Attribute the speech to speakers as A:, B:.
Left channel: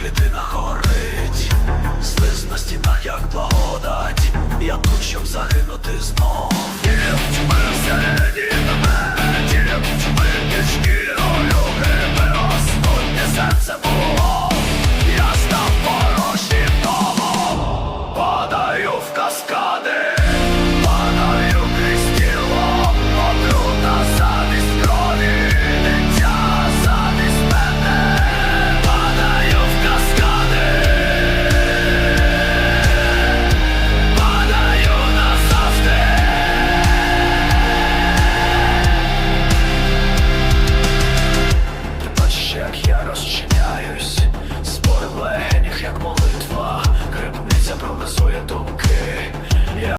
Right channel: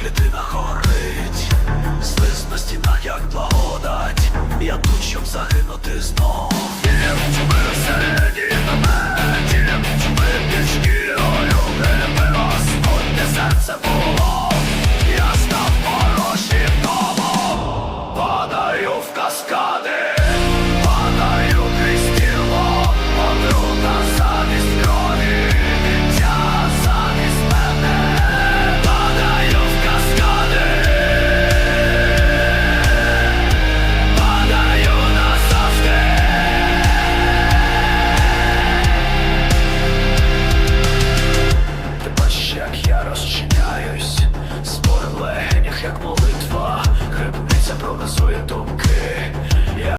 A: клітина горить, Слиз на стінах, як благодать, я тут, щоб загинути знов. Дім всередині на мене, серце було, я став порожнім домом, падаю в каскад. я розчиняюсь, спор в легенях, як молитва, Грибниця пронизує думки.